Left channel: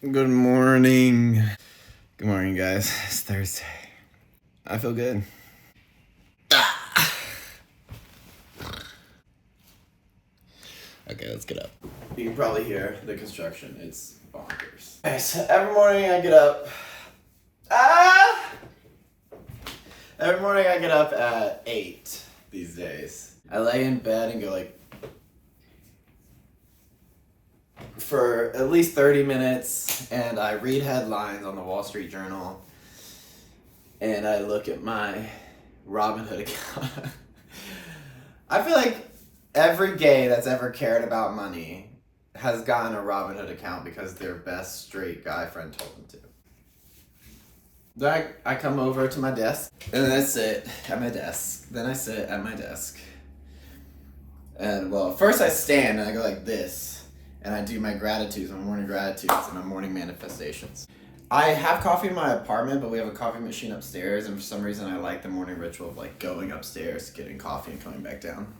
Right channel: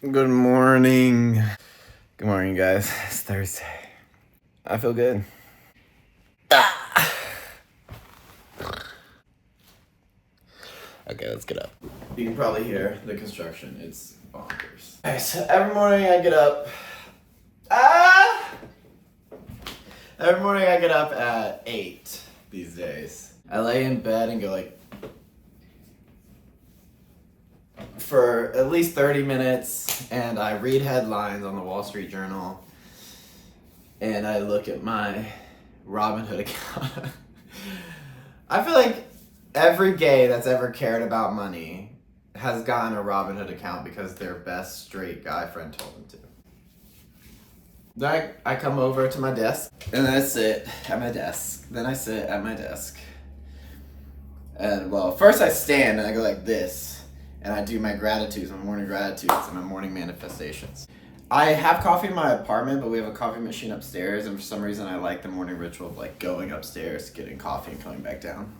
Good morning. Good morning, guys. It's Thursday. I feel good. Ah. Okay, let's get up. You can probably hear the construction. It's bonkers. Okay, so every morning I get up. Every morning I get up at 8 these days. I lay in bed and go like for at least 30 minutes, and I read headlines on the Wall Street Journal, and I look at my Robinhood account. I feel like every gay that's ever cared about money has gotten a Robinhood account because their best straight guy friend told them to. Then I come over to my desk, and then I sit at my desk. Then I sit at my desk. And well, first I stand and I go like this. And I do my gratitudes, my morning gratitudes, and my morning manifestations. I have coffee in my apartment, but we have a coffee machine upstairs, and for some reason I like the morning ritual of like going upstairs, getting coffee, and coming back down.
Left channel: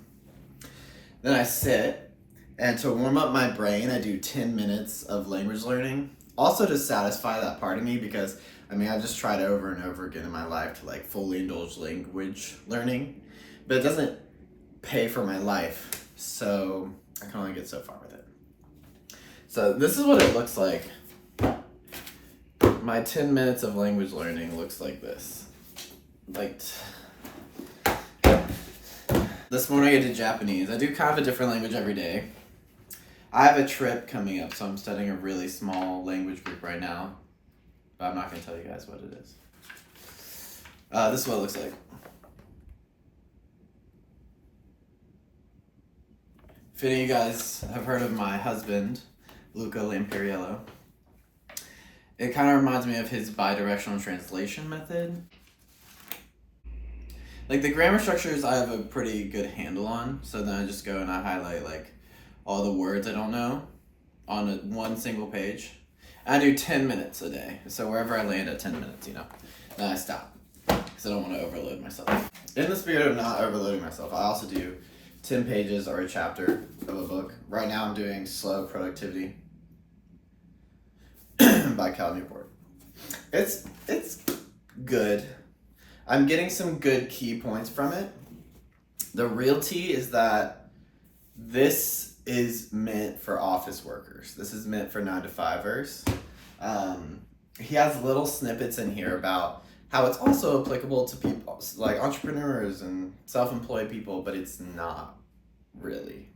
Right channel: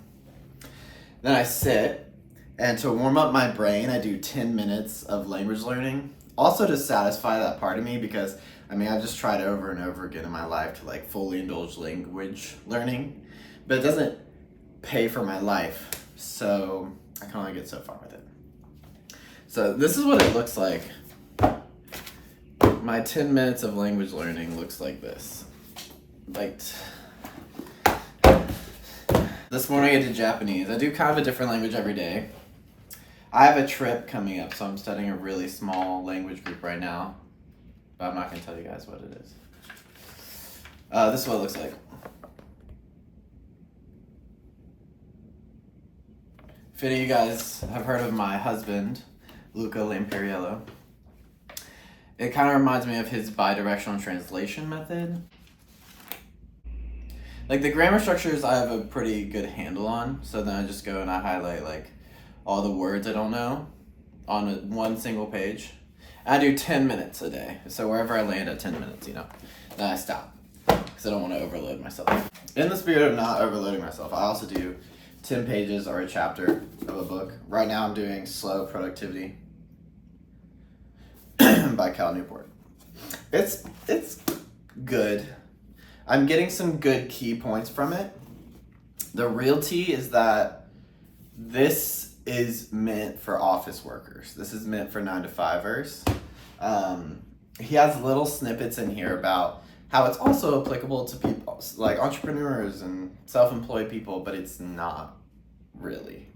Then I sit, and to warm up my brain, I do 10 minutes of language learning. Also to satisfy that part of me, because I've just tried over and over again in my life to like fully indulge language learning, but it doesn't pay for my life, so I can only get so far with it. So this is what it looks like. My 10 minutes of language learning looks like this. This morning I did Japanese. I do kind of a different language every day. I have a trip coming up, so I'm studying a really small language group right now. But I'm not going to tell you guys what it is. This is what it looks like. If any of you guys have heard of my husband, Luca Lampariello, it kind of reminds me of his bidirectional translation method. Like the grammar structures I have a pretty good handle on, so then I just go and I highlight like all the words I don't know on one single page. And I do 10 minutes a day, so wherever I land at 10 minutes, then I stop, because I don't want to overload myself. In the spirit of not overloading myself, I also do 10 pages or a chapter of a book. Right now I'm doing Slow Productivity by Cal Newport. It's good. I'm getting some good key points from it. The real tea is that this is meant for office workers. This is meant for 9-to-5ers. He has little snippets in here about how it's also applicable to people like entrepreneurs and self-employed people, but it's not really.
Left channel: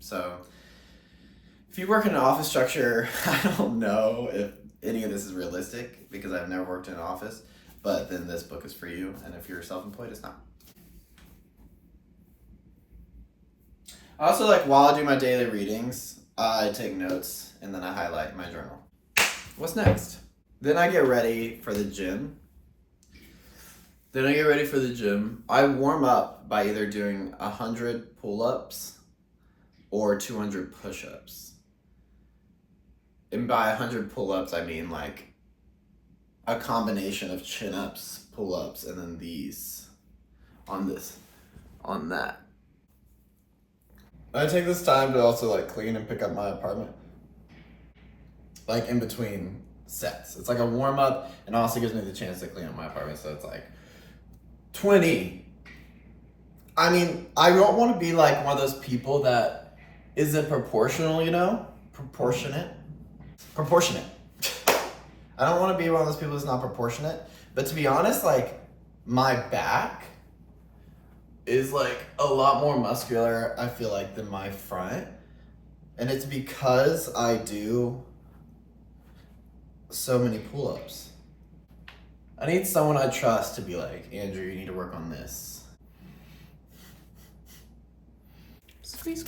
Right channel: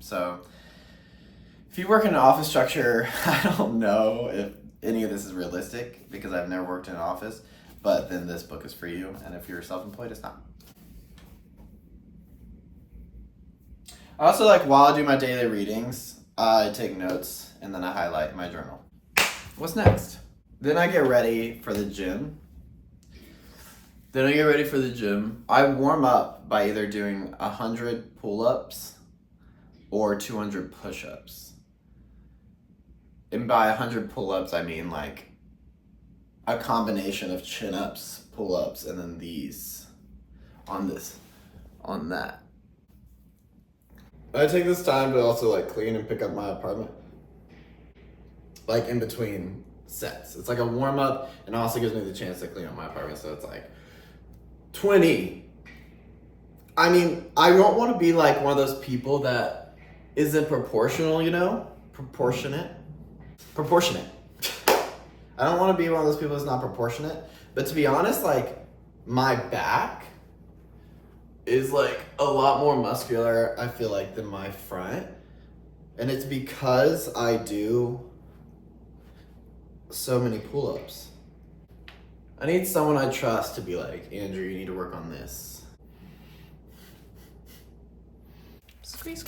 So if you work in an office structure, I don't know if any of this is realistic because I've never worked in an office, but then this book is for you. And if you're self-employed, it's not. Also, while I do my daily readings, I take notes and then I highlight my journal. What's next? Then I get ready for the gym. I warm up by either doing 100 pull-ups or 200 push-ups. And by 100 pull-ups, I mean like a combination of chin-ups, pull-ups, and then these on that. I take this time to also clean and pick up my apartment. In between sets. It's like a warm-up and also gives me the chance to clean up my apartment, so it's 20. I don't want to be one of those people that isn't proportional, Proportionate. I don't want to be one of those people that's not proportionate. But to be honest, my back is a lot more muscular, I feel than my front. And it's because I do so many pull-ups. I need someone I trust to be Andrew, you need to work on this. Squeeze.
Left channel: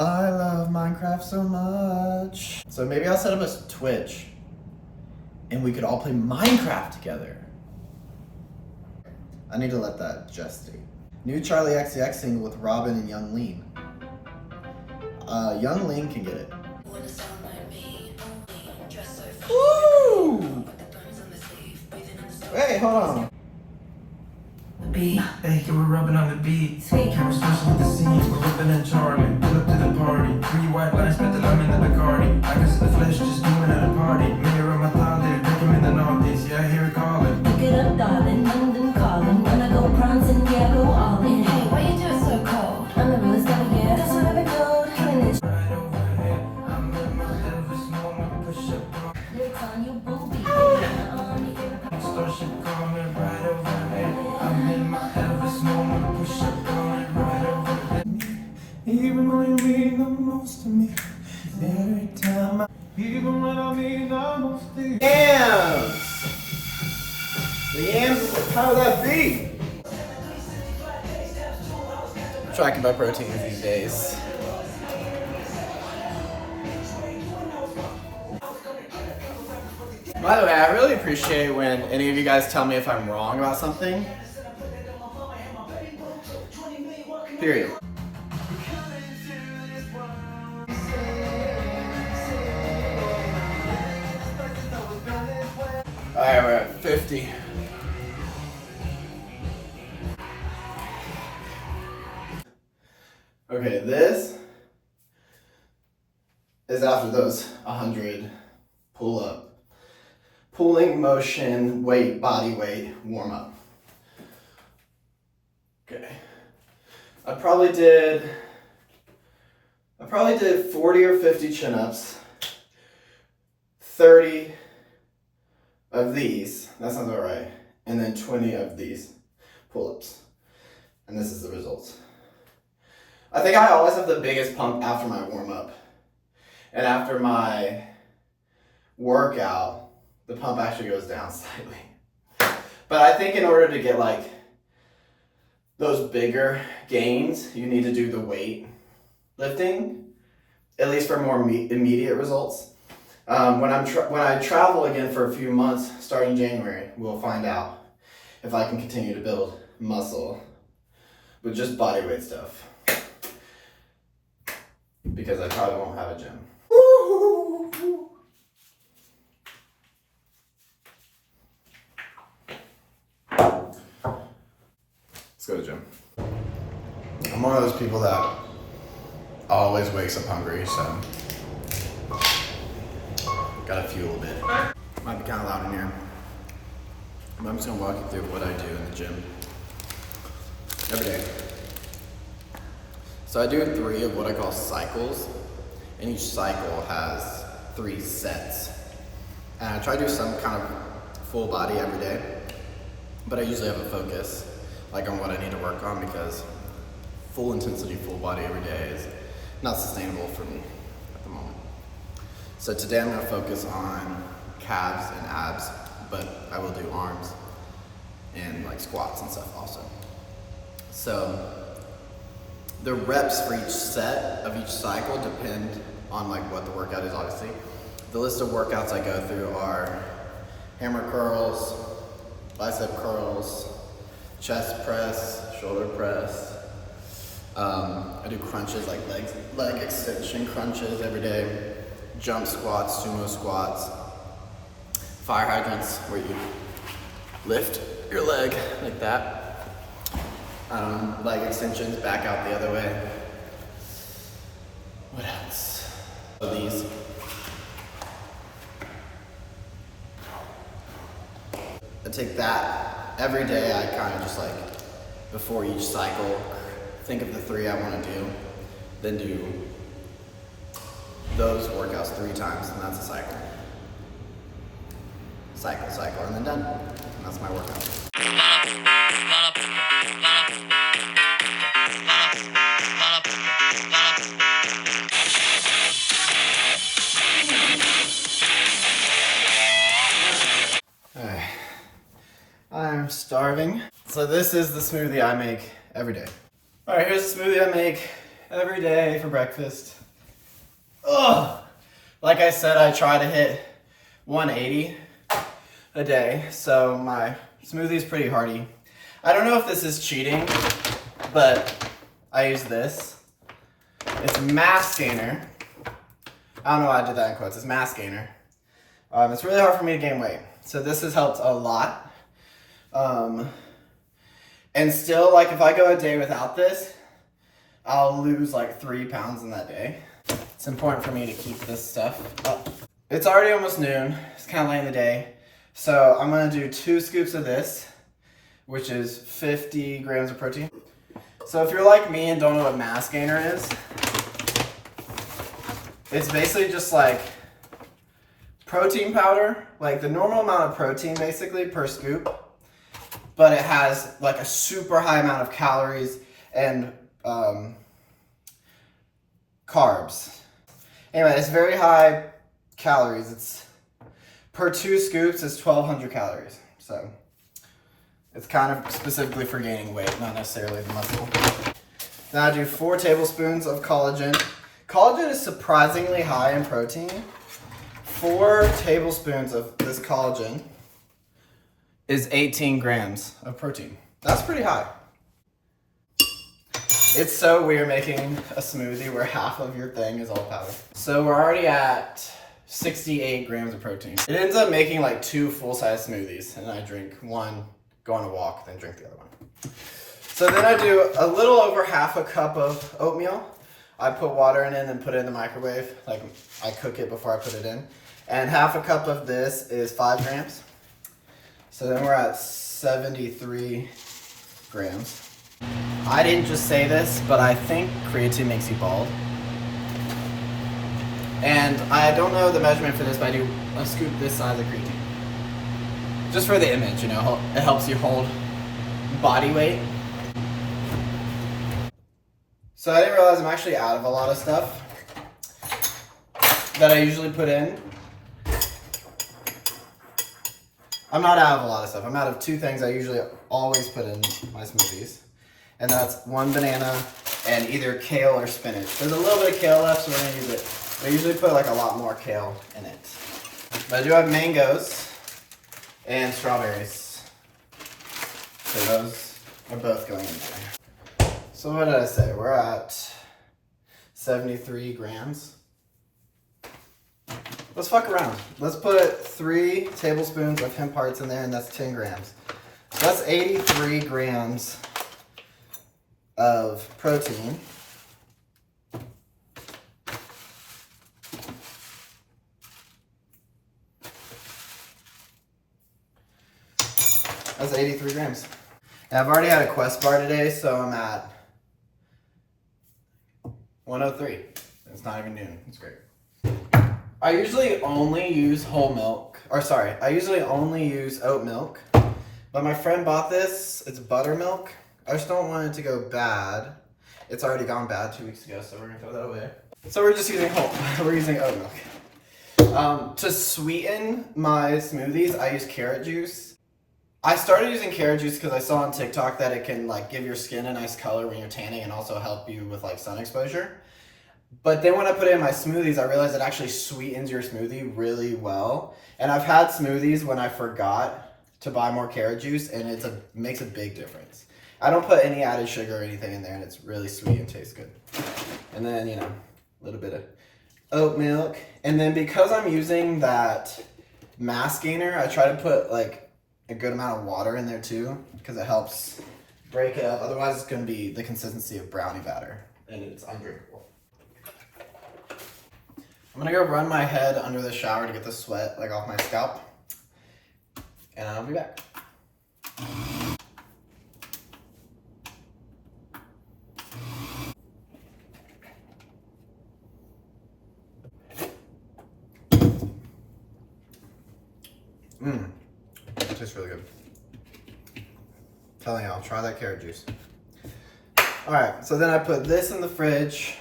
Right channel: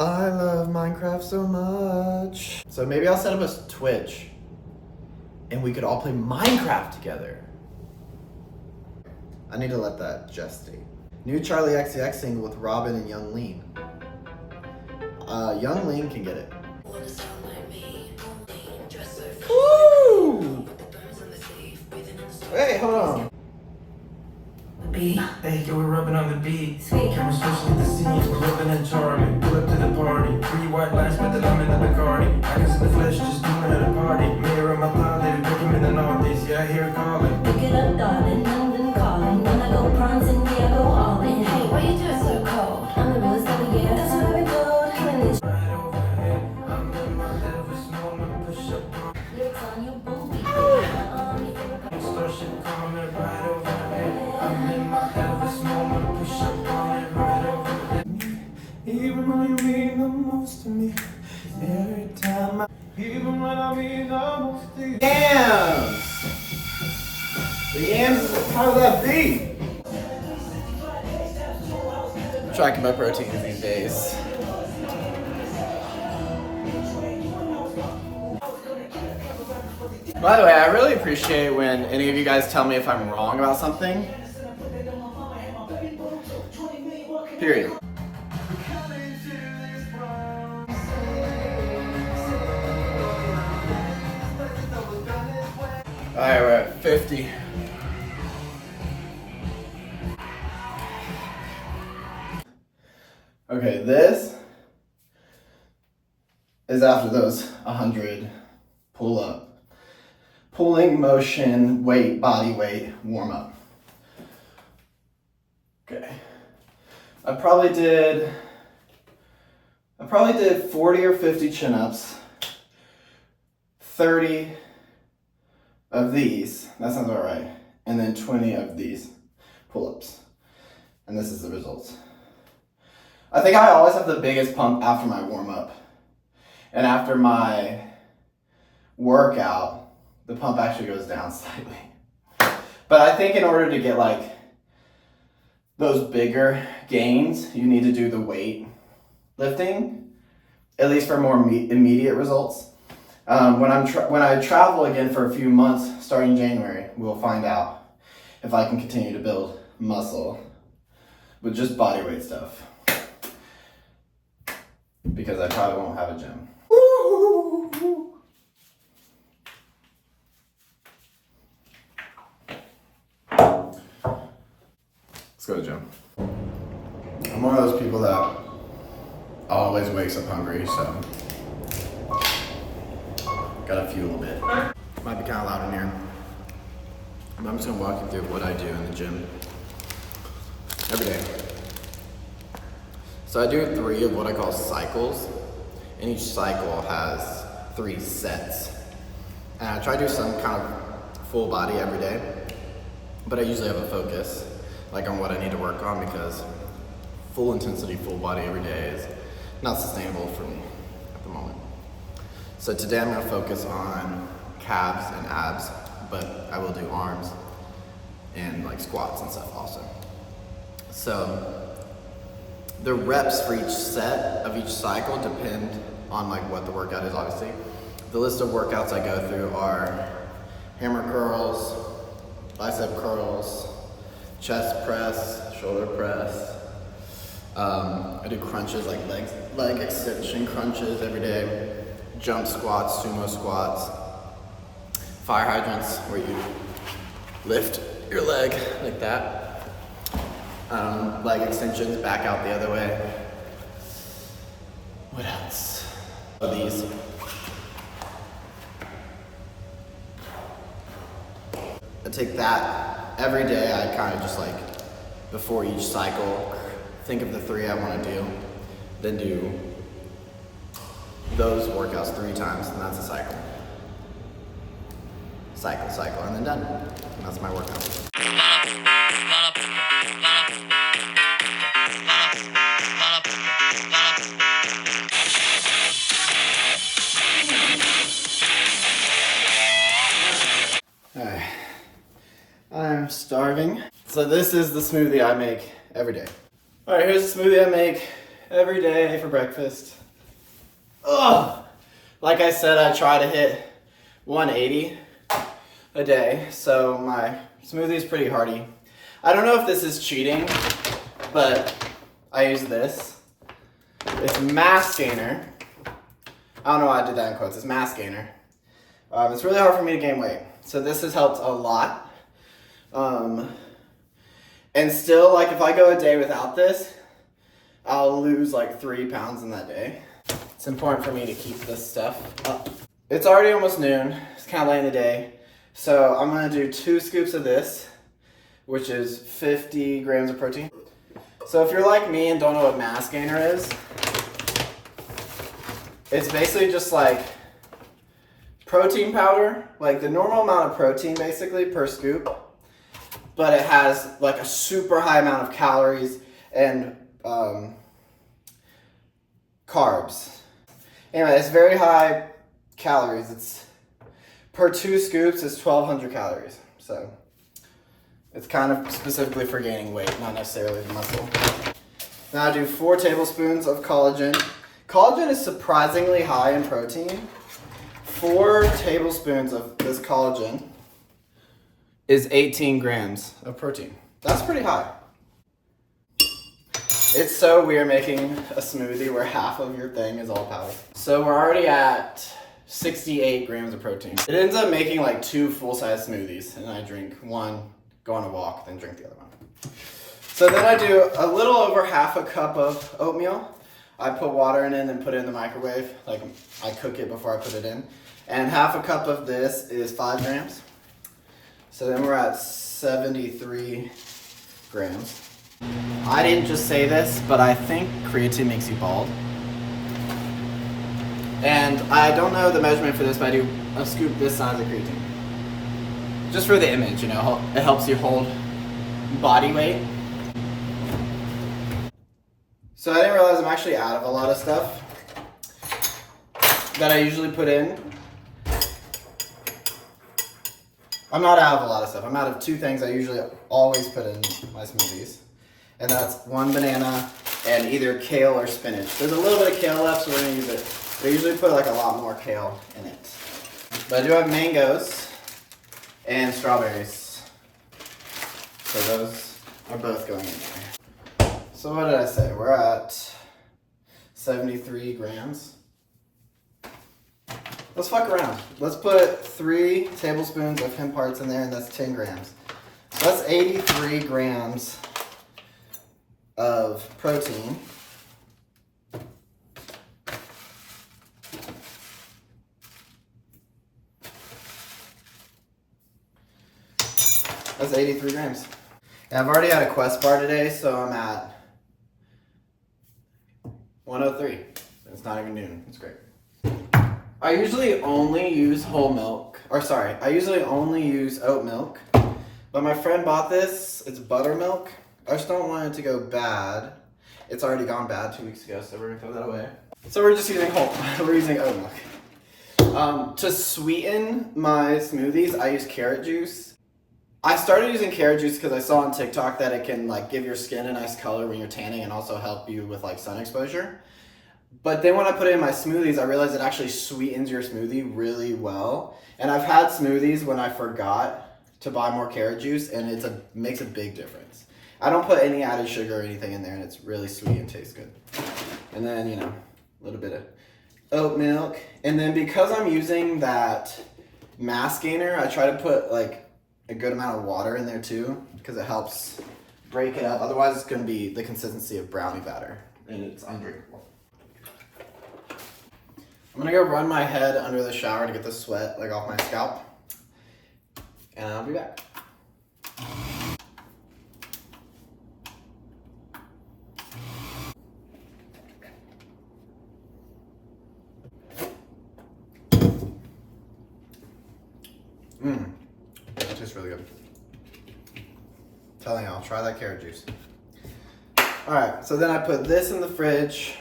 I love Minecraft so much. So maybe I'll set up a Twitch and we could all play Minecraft together. I need to let that gestate. New Charlie XCX single with Robin and Young Lean. Young Lean can get it. Woo! Wait, hold on. Beat, hey, we're rubbing on the beat. Camera switching the scene, we're rubbing and charming. Pull up to the party, 3 white lines, put the lemon in the Bacardi. Even when you mean the most to me, every time even when I mean the most to you. Yams! The yams is how would that be? Tracking my proteins these days. By the way, I really appreciate when any of you guys tell me if I'm wrong about something. Period. Alright, we're at 50. Okay, this is after those 100 pulling motion, weight, body weight, warm up. Okay. I probably did 40 or 50 chin-ups, 30 of these, that sounds about right, and then 20 of these pull-ups. And this is the results. I think I always have the biggest pump after my warm-up. And after my workout, the pump actually goes down slightly. But I think in order to get like those bigger gains, you need to do the weight lifting, at least for more immediate results. When I travel again for a few months, starting January, we'll find out if I can continue to build muscle with just body weight stuff. Because I probably won't have a gym. Let's go to the gym. I'm one of those people that always wakes up hungry, so gotta fuel a bit. Might be kind of loud in here. I'm just gonna walk you through what I do in the gym every day. So I do 3 of what I call cycles, and each cycle has 3 sets. And I try to do some kind of full body every day, but I usually have a focus, like on what I need to work on, because full intensity, full body every day is not sustainable for me at the moment. So today I'm gonna focus on calves and abs, but I will do arms and like squats and stuff also. So the reps for each set of each cycle depend on like what the workout is, obviously. The list of workouts I go through are hammer curls, bicep curls, chest press, shoulder press. I do crunches, like leg extension crunches every day, jump squats, sumo squats, fire hydrants where you lift your leg like that. Leg extensions, back out the other way. What else? These. I take that every day. I kind of just like, before each cycle, think of the 3 I want to do, then do those workouts 3 times, and that's a cycle. Cycle, and then done. And that's my workout. Alright, I'm starving. So this is the smoothie I make every day. Alright, here's the smoothie I make every day for breakfast. Ugh! Like I said, I try to hit 180 a day, so my smoothie is pretty hearty. I don't know if this is cheating, but I use this. It's mass gainer. I don't know why I did that in quotes. It's mass gainer. It's really hard for me to gain weight, so this has helped a lot. And still, like if I go a day without this, I'll lose like 3 pounds in that day. It's important for me to keep this stuff up. It's already almost noon. It's kind of late in the day. So I'm gonna do 2 scoops of this, which is 50 grams of protein. So if you're like me and don't know what mass gainer is, it's basically just like protein powder, like the normal amount of protein basically per scoop, but it has like a super high amount of calories and carbs. Anyway, it's very high calories. It's per 2 scoops is 1,200 calories. So it's kind of specifically for gaining weight, not necessarily the muscle. Now I do 4 tablespoons of collagen. Collagen is surprisingly high in protein. 4 tablespoons of this collagen is 18 grams of protein. That's pretty high. It's so weird making a smoothie where half of your thing is all powder. So we're already at 68 grams of protein. It ends up making like 2 full-size smoothies, and I drink one, go on a walk, then drink the other one. So then I do a little over half a cup of oatmeal. I put water in it and then put it in the microwave. Like I cook it before I put it in. And half a cup of this is 5 grams. So then we're at 73 grams. I didn't just say this, but I think creatine makes you bald. And I don't know the measurement for this, but I do a scoop this size of creatine. Just for the image, you know, it helps you hold body weight. So I didn't realize I'm actually out of a lot of stuff that I usually put in. I'm not out of a lot of stuff. I'm out of 2 things I usually always put in my smoothies. And that's 1 banana and either kale or spinach. There's a little bit of kale left, so we're gonna use it. I usually put like a lot more kale in it. But I do have mangoes and strawberries. So those are both going in there. So what did I say? We're at 73 grams. Let's fuck around. Let's put 3 tablespoons of hemp hearts in there, and that's 10 grams. So that's 83 grams of protein. That's 83 grams. And I've already had a Quest bar today, so I'm at 103. It's not even noon. It's great. I usually only use I usually only use oat milk. But my friend bought this. It's buttermilk. I just don't want it to go bad. It's already gone bad 2 weeks ago, so we're gonna throw that away. So we're just using we're using oat milk. To sweeten my smoothies, I use carrot juice. I started using carrot juice because I saw on TikTok that it can like give your skin a nice color when you're tanning and also help you with like sun exposure. But then when I put it in my smoothies, I realized it actually sweetens your smoothie really well. And I've had smoothies when I forgot to buy more carrot juice, and it makes a big difference. I don't put any added sugar or anything in there, and it's really sweet and tastes good. And then, you know, a little bit of oat milk. And then because I'm using that mass gainer, I try to put like a good amount of water in there too, because it helps break it up. Otherwise, it's going to be the consistency of brownie batter, and it's undrinkable. I'm going to go run my head under the shower to get the sweat like off my scalp, and I'll be back. That tastes really good. Telling y'all, try that carrot juice. Alright, so then I put this in the fridge,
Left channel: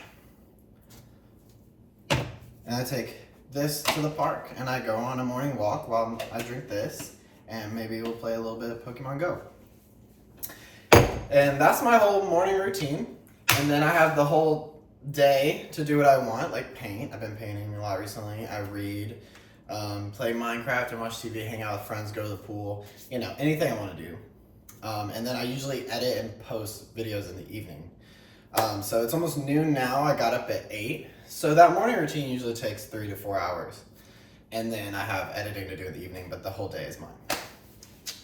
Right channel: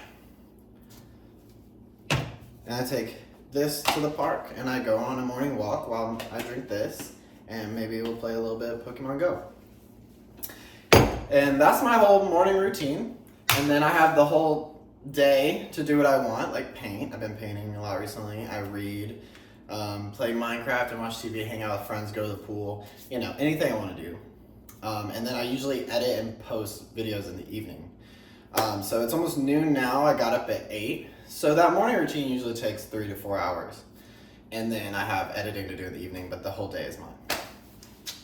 and I take this to the park, and I go on a morning walk while I drink this, and maybe we'll play a little bit of Pokemon Go. And that's my whole morning routine. And then I have the whole day to do what I want, like paint. I've been painting a lot recently. I read, play Minecraft and watch TV, hang out with friends, go to the pool, you know, anything I want to do. And then I usually edit and post videos in the evening. So it's almost noon now. I got up at 8. So that morning routine usually takes 3 to 4 hours. And then I have editing to do in the evening, but the whole day is mine.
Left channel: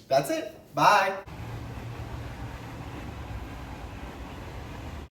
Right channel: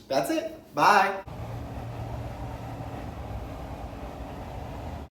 That's it. Bye.